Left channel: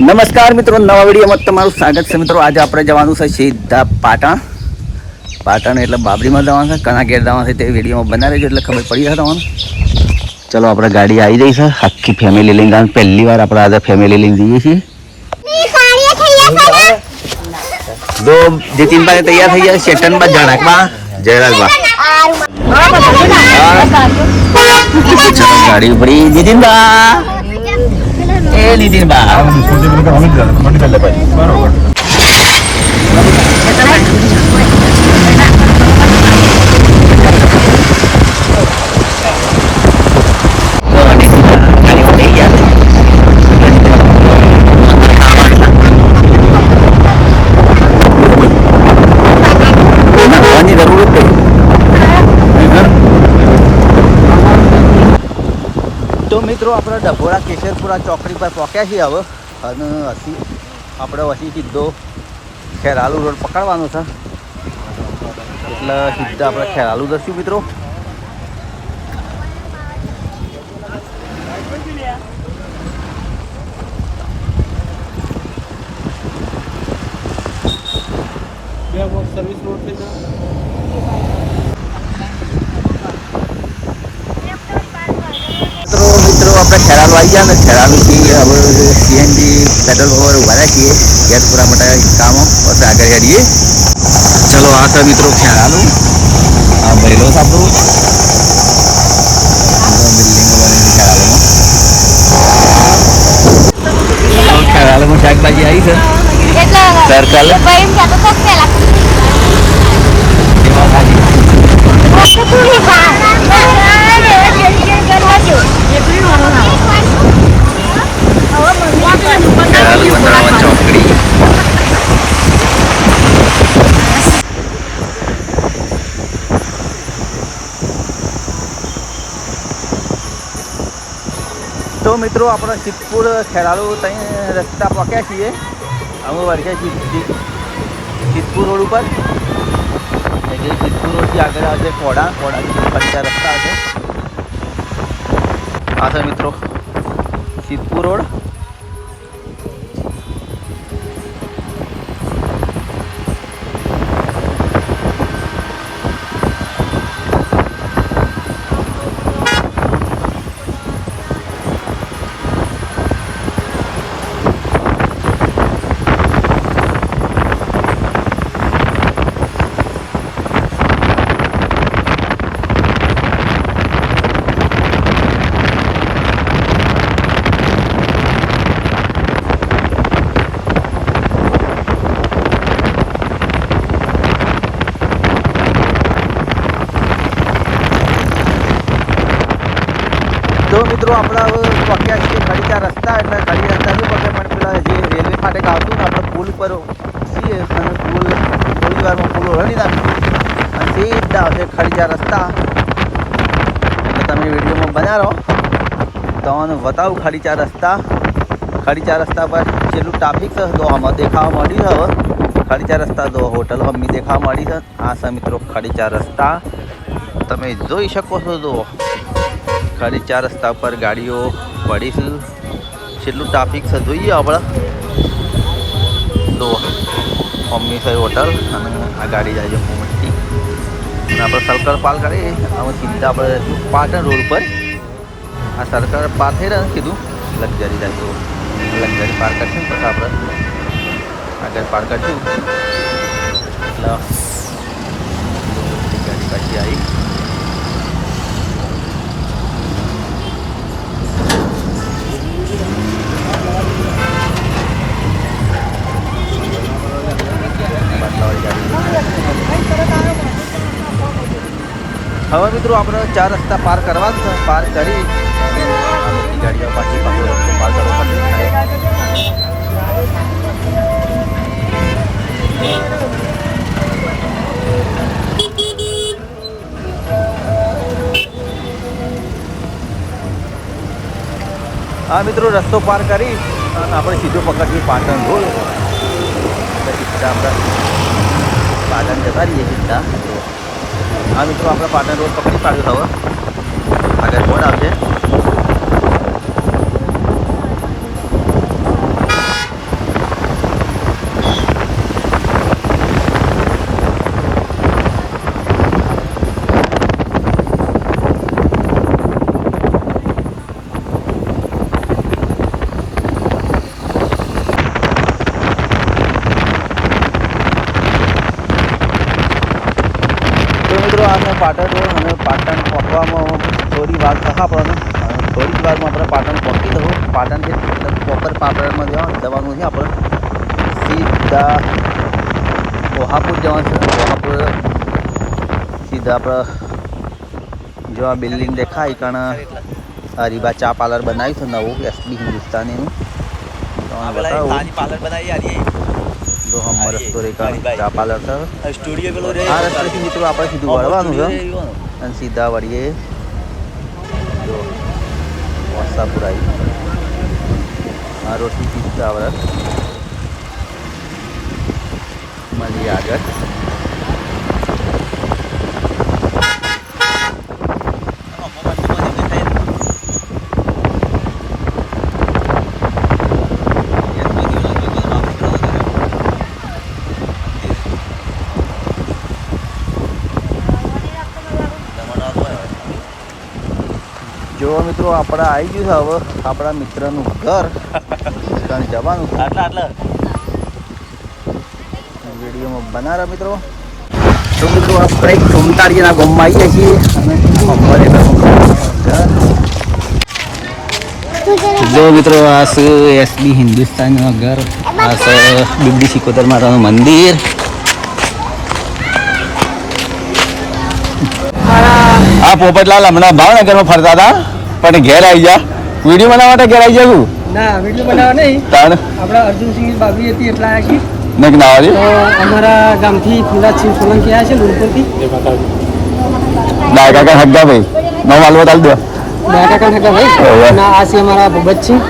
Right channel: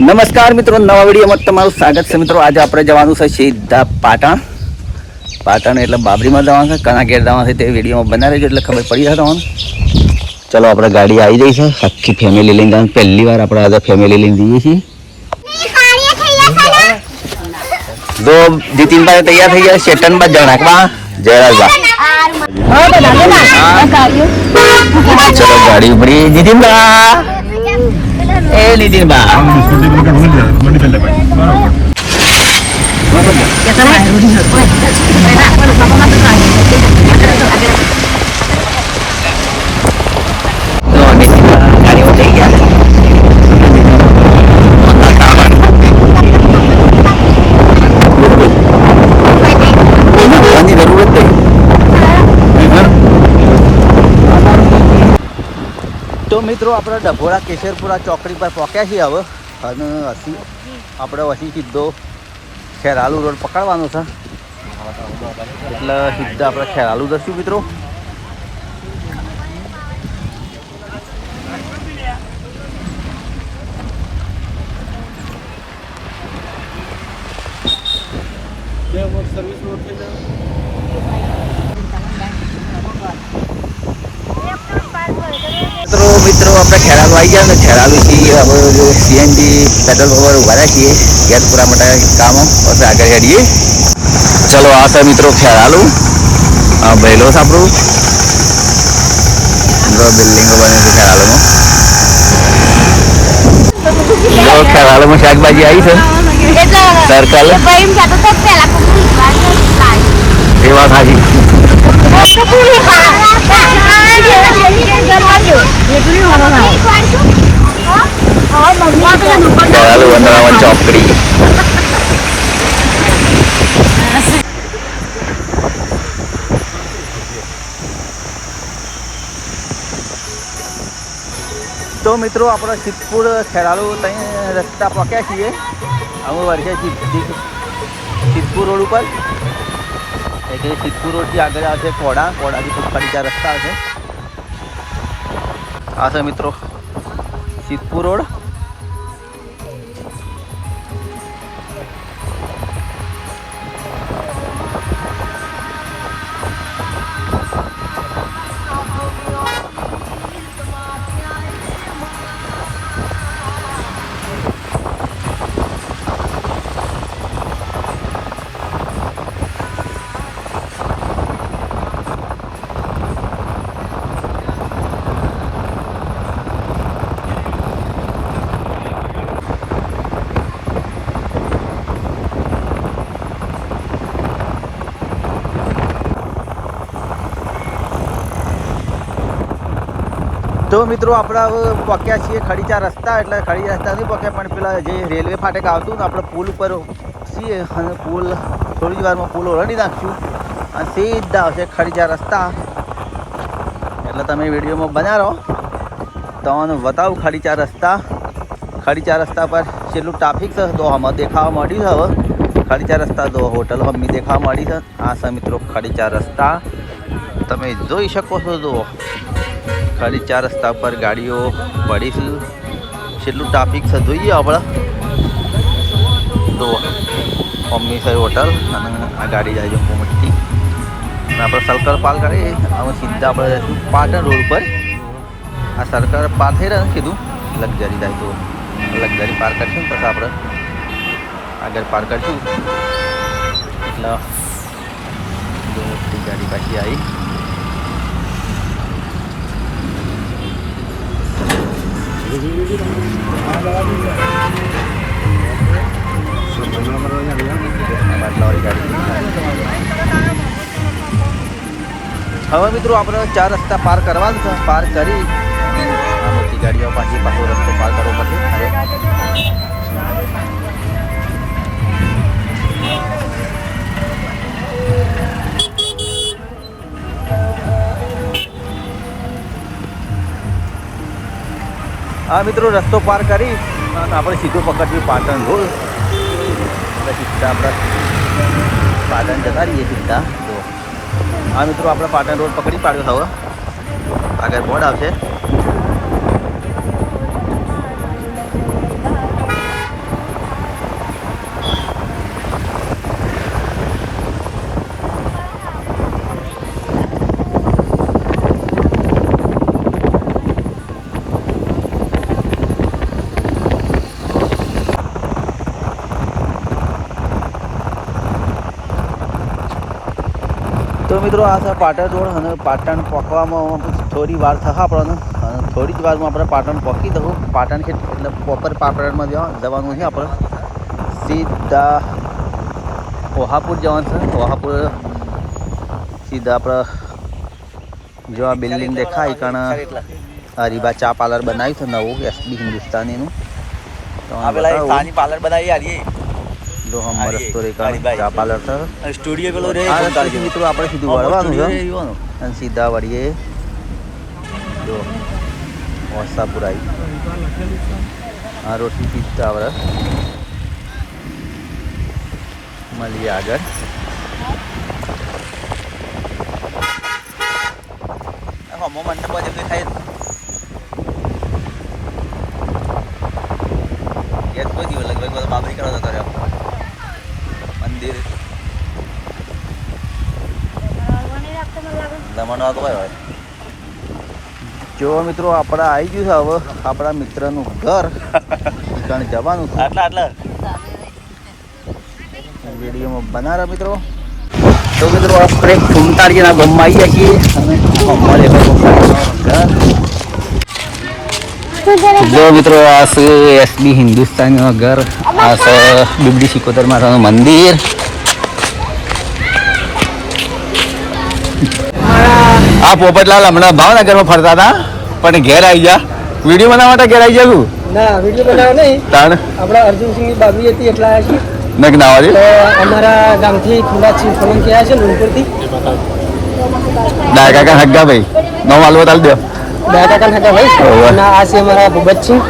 નમસ્કાર મિત્રો નવા વિડીયોમાં તમારું સ્વાગત છે મિત્રો. આજે આપણે જવાનું છે સીધા પાટણ. પાટણ એટલે બાબરીમાં જવાનું છે કણા ઘેર જવાનું છે તે વિડીયોમાં બનાવી રહેજો એટલે ખબર પડી જશે તમને. ચલો આપણે ગાડી આવી જઈ છે. આખી ફેમિલી લઈને જવાનું. પહેલી વાર આપણે આજે ફેમિલી લઈને જઈએ છીએ. દો જીતિનભાઈ તૈયાર થઈ ગયા શેટનબા જણાકબા જયરાજબા ચલો ગાડી ઉભરી. જીતિનબા! એ નીતિનબા No, નીતિનબા ગાડીમાં થઈ ગયા નાખવાની જરૂર જ નહીં મિત્રો, આપણે ડભોરા કેશરપુરા ચોકડી પર પહોંચ્યા છીએ હવે. અને હસી આપણે વસી સીધો ખેરાલુ રોડ પકડવાનો છે. એટલે સીધા આપણે ખેરાલુ દર્શું મિત્રો મિત્રો આપણે ખેરાલુ આવી ગયા ને ખેરાલુથી હવે સીએનજી પેટ્રોલ પંપ ઊભા રાખીએ છીએ ગેસ પૂરા માટે કામો પછી આગળ હેડીએ. ચલો આ તો મિત્રો ખેરાલુ. આ બહેલો છે આપણું. બિલ્ડિંગો બને છે ખેરાલુમાં. તો ખેરાલુમાં શાકભાજી આવી છે. સર્કલ એવા ખાજી. ખેરાલુ વંદરાવન ચોકડી. તો મિત્રો, આપણે સિદ્ધપુર ખેરાલુ ત્યાં રસ્તા પહોંચ્યા છીએ. અમે સિદ્ધિ સિદ્ધપુર રોડ ઉપર. એટલે સિદ્ધપુર રોડથી આગળ આવશે કોડા. કોડાથી ફરીતા રસ્તા આવશે આ છે મિત્રો, સિદ્ધપુર રોડ. મિત્રો, આપણે પક્યા છીએ ખડીચા રસ્તા, એટલે ખડી રસ્તા નહીં પક્યા, પણ પેલા જે રેલવે ફાટક આવતું ને, આપણે પુલ ઉપર છીએ અને પુલ થોડી વારમાં પુલ ઓરડી નાખશું અને સીધા આવશે ખડીચા રસ્તા. એટલે તમે વિડીયોમાં બના રહો તમને બતાવું ખડીચા રસ્તા. ખડીચા રસ્તા પર છેલ્લું ટ્રાફિક છે, તો આમાં દેખાવા મળ્યું છે હવે. ખડીચા રસ્તા, તો હોટલ હમી દેખાવા મળી છે. આ છે મિત્રો ખડીચા રસ્તા. તમે જોઈ શકો છો તો ખાલી ચાર રસ્તા પર ગાડીઓ પડી છે. ટ્રાફિક છે જોઈએ આપણે. તો મમ્મી સાહેબ હોટલ અને આ ગાડી જાય છે મોટી અને આપણે સર્કલ પાર કરીએ અમે સીધા આપણે જઈશું પાટણ રોડ પર. આ સર્કલ પાર થઈ રહ્યા કીધું. લક્ઝરી જાય તો. લક્ઝરી પાર કરશું, પછી આપણે આગળ પાર કરશું. એટલે મોટી ગાડી પાછી આવી. હવે મિત્રો આપણે ચાર રસ્તા પાર કરવાનું છે. પાર કરી આ મોટી ગાડીઓ પાછી પાછો રસ્તો પાર કરવો પડશે. હા મિત્રો રસ્તો પાર કરી અને આપણે સીધું પકડ્યું પાટણ રોડ. એટલે સીધા આપણે પાટણ જતા રહીએ સીધા. તો આ મિત્રો આપણે પાટણ રોડ પકડી પાડ્યો હવે. આગળ બોર્ડ આવશે. મિત્રો આ છે પાટણ રોડ અને પાટણ પહોંચવામાં થોડી વાર થશે આપણને. અને થોડી જ વારમાં આપણે પાટણ પહોંચી દઉં પાટણ છે એટલે પ્રોપર પાટણમાં જવા જવાનું છે આપણે. સીધા ઓહાપુર જવાનું છે. ઓહાપુર સીધા આપણે જો આ બિલ્ડિંગ દેખાય કારણ હરીબા ચા પાર્લર બનાવ્યું છે નવું એસબી હિન્દુસ્તાનીનું. તો પાર્લર બનાવી હા, એ રસ્તો રે ચા પાર્લર છે. સ્ટુડિયો પેલો રે આ રસ્તેથી મિત્રો આપણે સીધું વળવાનું છે. અને સીધા વળીએ. જો વસાપુર આ રોટી પીતા આપણે મળીએ આગળ. જો મિત્રો આપણે આવી ગયું છે હવે આપણા મિત્રનું ઘર. કારણ જવાનું આટલા આટલા. વિડીયોમાં બનારા મિત્રો. તો મિત્રો આપણે ઘૂમતાડીના ગામમાં આવી જાય છીએ અને અમારે ઘર. જો મિત્રો આ છે એસબી હિન્દુસ્તાનીનું ઘર. આ છે બીબડી સિકોતર માતાનું મંદિર. આ પોપટલાલ હમણાં ભાવનગરમાં ફરતા હતા. પણ ઘેર આવી ગયા વીડિયો બનાવવા માટે ઘેર આવી ગયા તું. ના વીડિયો બનાવવા નહીં. તાણ. આપણા અર્જુનસિંહની બાબરી હતી એટલા છીએ. નક ના તો અમારા ગામથી ફુલાદસિંહ સોલંકી આવ્યા છે લુણપુરથી. ડાય કાકા હગ્ગા ભાઈ. નો માલવો તાલ દો. ડાયા કાકા હગ્ગા ભાઈ? અને આ છે અમારા ભૂપતસિંહ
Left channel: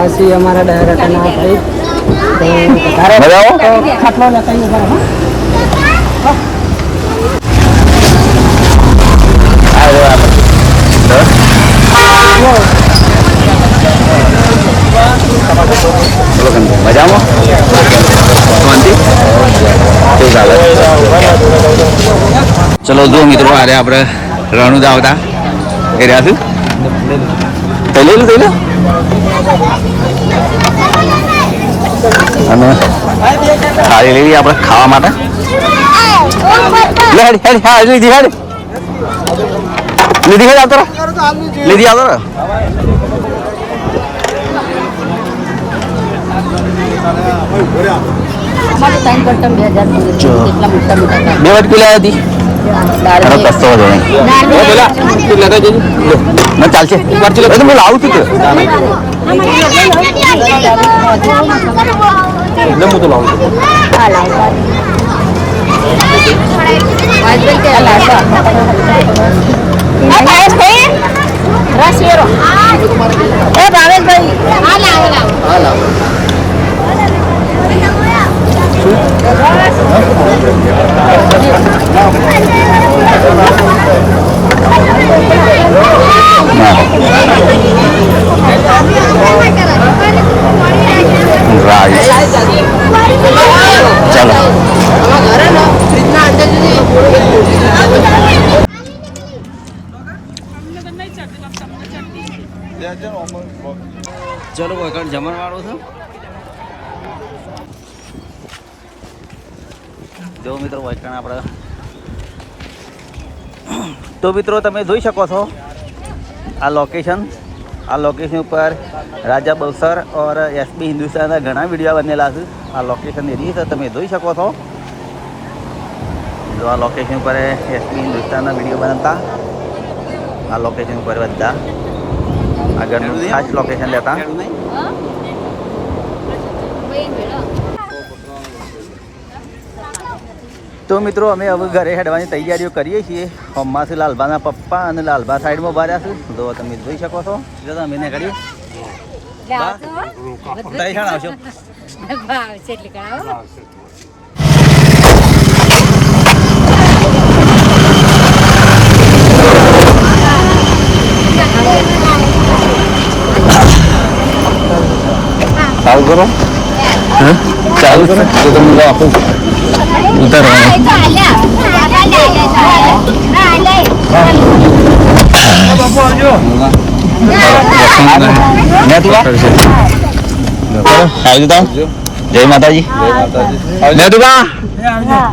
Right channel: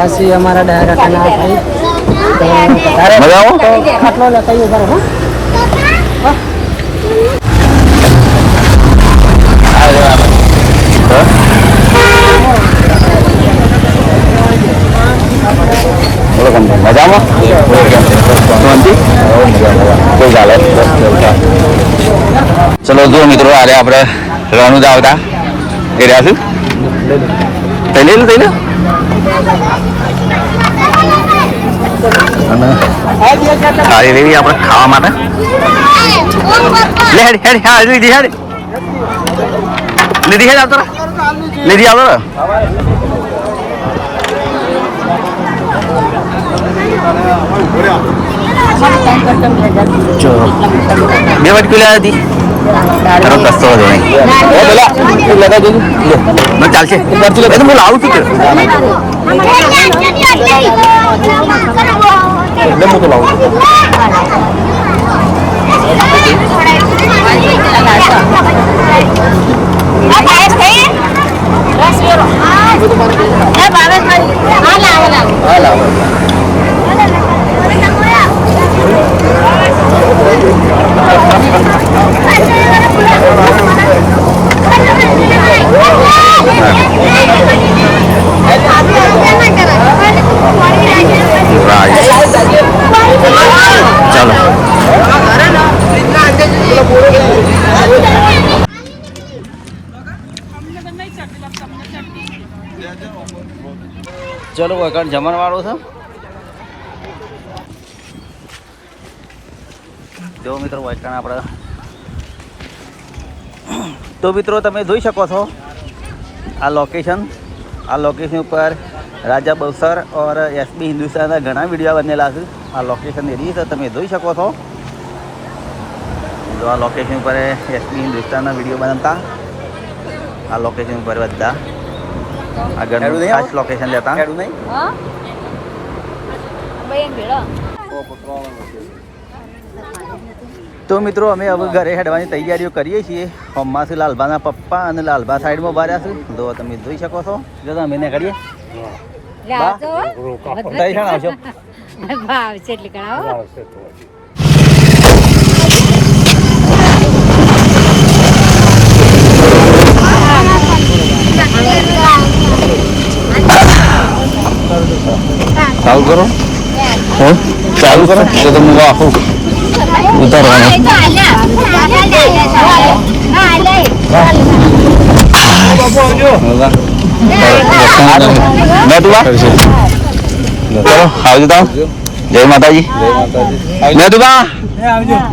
આ છે અમારા ડાયરા કાકાના ભાઈ. આવો? ખાટલો લેતા ઊભા રહો, હો. મજામાં ચાલે જો મિત્રો આરે આપણે રણુ આવતા. એ રહ્યા છું? થઈ લેલું થઈ લે અને થાળી લેવી આપણે ખાવા માટે. લે હેડ હેડ, હા લીધી હેડ. લીધી હેડ, આવતો રહો. લીધી આવતો રહો. જો બે વાટકી લાવી હતી તારો કશો વાંધો નહીં ઓ પેલા તું લગાવી દેજે લે ના ચાલશે એ તો હું લાવું હું તો લાવું હા લાવો રાઈસ ચલો વખત જમણવાળો છે? જો મિત્રો વૈકણ આપણે તો મિત્રો, તમે જોઈ શકો છો આ લોકેશન આ લોકેશન ઉપર રાજા બવસર ઓર એસબી હિન્દુસ્તાનના ઘણા વીડિયો બનેલા છે. આ લોકેશન એરિયા છે, તમે જોઈ શકો છો. જો આ લોકેશન ઉપર એસબી હિન્દુસ્તાનના વીડિયો બનાવતા. આ લોકેશન ઉપર બધા આગળનું ખાસ લોકેશન લેતા તો મિત્રો અમે હવે ઘરે હેડવાની તૈયારીઓ કરીએ છીએ હોમમાંથી લાલભાના પપ્પા અને લાલભા સાઈડમાં ઊભા રહ્યા છે જો તમે જોઈ શકો છો અમે ને કરીએ આવશો ભાવ છે એટલે કણાવો ચાલુ કરો. હે? ચાલુ કરો. તો તમે ઉતારવાનું મેં તું ચલો આવજો તાવ. જય માતાજી. લે તું બા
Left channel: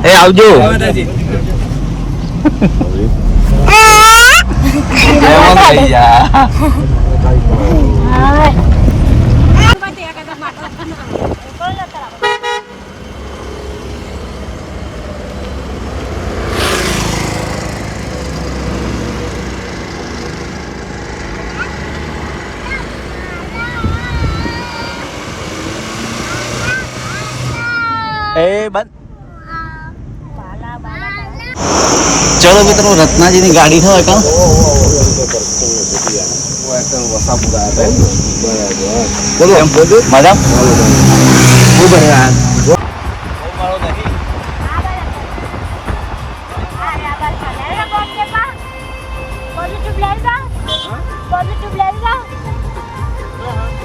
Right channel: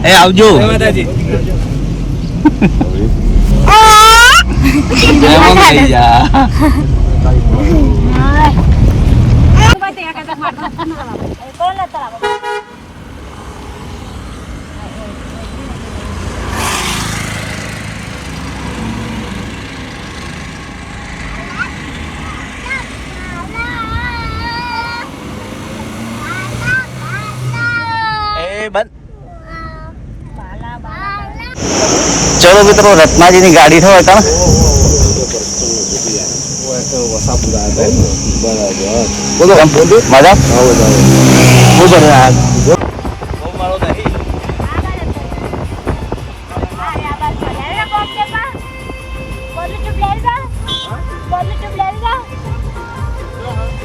એ આવજો. એમાં થઈ જા. એ બંધ ચલો મિત્રો રત્નાજીની ગાડી થયો હતા બોલો મજા બહુ બન્યા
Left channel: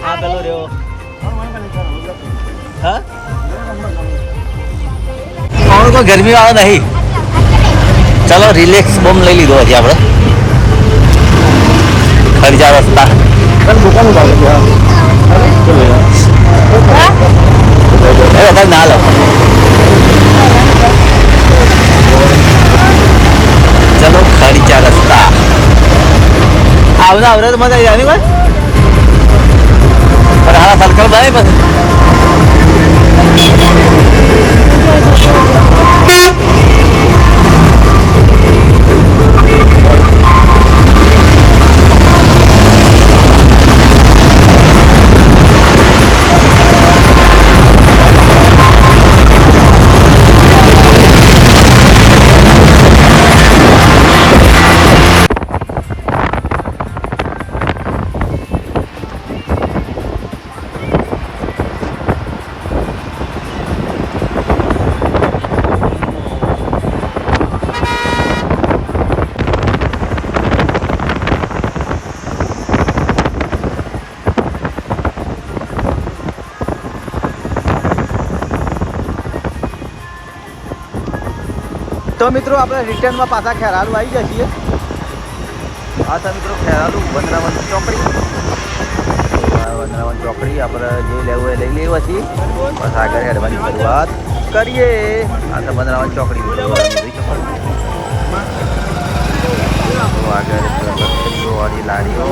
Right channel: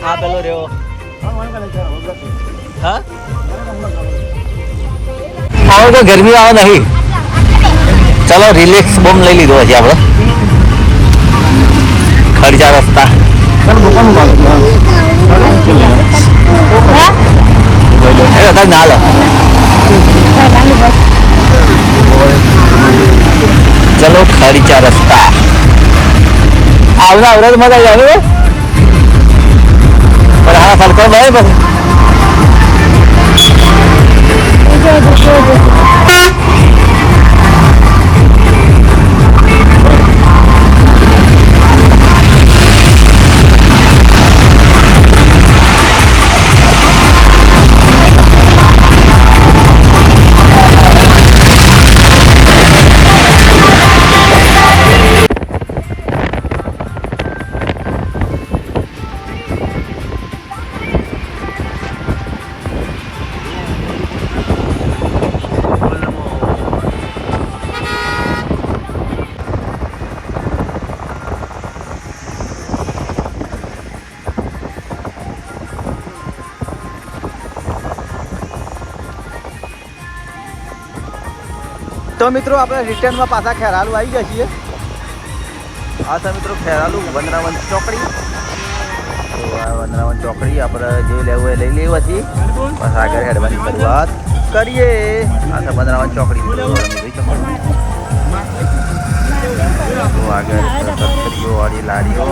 હા પેલો રહ્યો હા હવે તો ગરમી આવે નહીં ચલો રિલેક્સ બોમ્બ લઈ લીધો હજી આપણે ખર્ચા રસ્તા. ના લો ચલો ખર્ચા રસ્તા. આવના આવડે તો મજા આવી જાય ને પણ હા સર્કલ ભાઈ પછી. તો મિત્રો આપણે રિટર્નમાં પાછા ખેરાલુ આવી છીએ. આ છે મિત્રો ખેરાલુ વનરાવન ચોકડી. તો આ વનરાવન ચોકડી આપણે જે લેવું એ લઈ લેવા છીએ બસ આગળ હેડવાની શરૂઆત કરીએ. આ છે વનરાવન ચોકડી મિત્રો આગળ સત્રીઓ વાળી લારીઓ.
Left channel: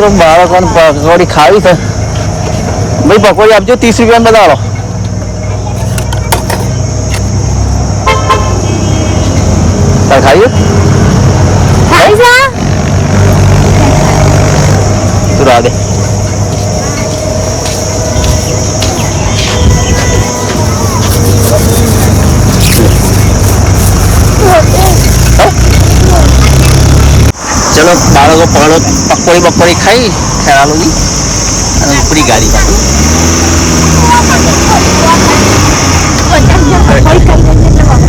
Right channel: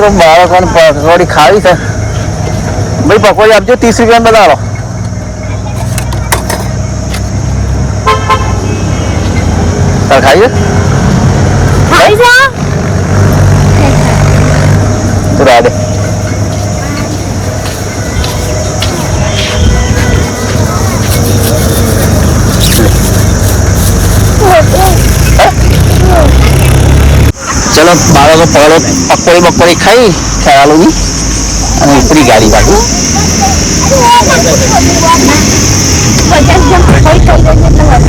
મિત્રો બાળકોને પકોડી ખાવી છે. ભાઈ પકોડી આપજો ત્રીસ રૂપિયા બતાવો તાર ખાવી? તું રાહ ચાલો પકોડી બકોડી ખાઈ ખેરાલુની અને ઉપરી ગાડી કાઢું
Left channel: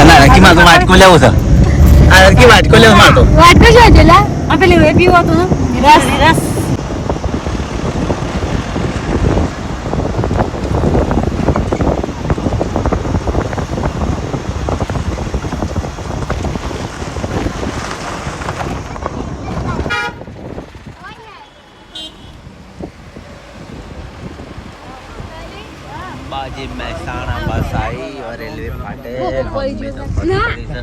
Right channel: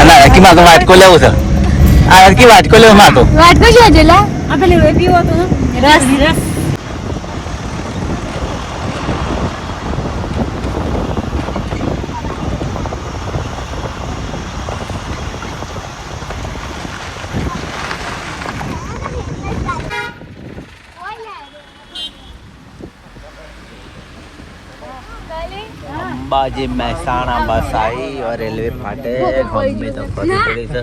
અને રકી માં તો વાટકો લેવું છે. આ રકી વાટકો લેવું માં તો વાટકો શું છે લા? આપેલું એ પીવો તો રસ રસ. આજે મહેસાણા બસ આવી રેલવે માટે મમ્મી તો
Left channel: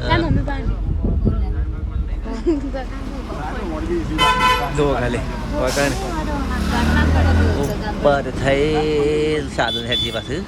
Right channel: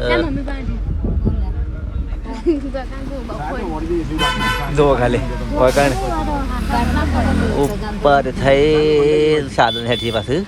જુઓ ખાલી વગણ ઉપર થઈ સાધન હેઠી પાછું.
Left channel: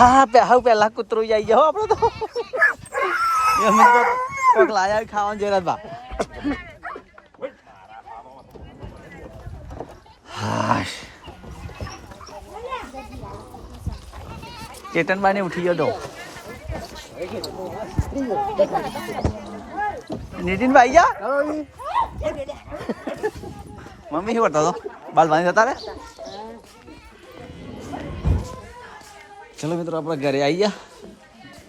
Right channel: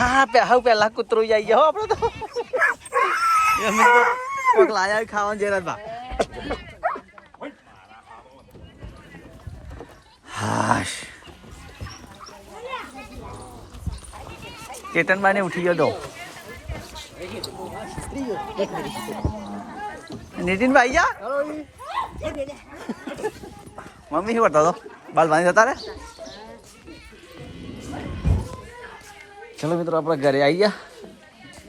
હા પે હા પેલા કૂતરો આવી ગયા હો આપણો તો. એમને તો કોક લાયા હા જેરા બા. હાશ. ચેતનબાને ઉઠી ગયો તો. નીતિનભાઈ જા. મમ્મી શું કરતા હતો? બાલ બાંધી જતા રે ચલો મિત્રો આપણા ઘરે આવી ગયા.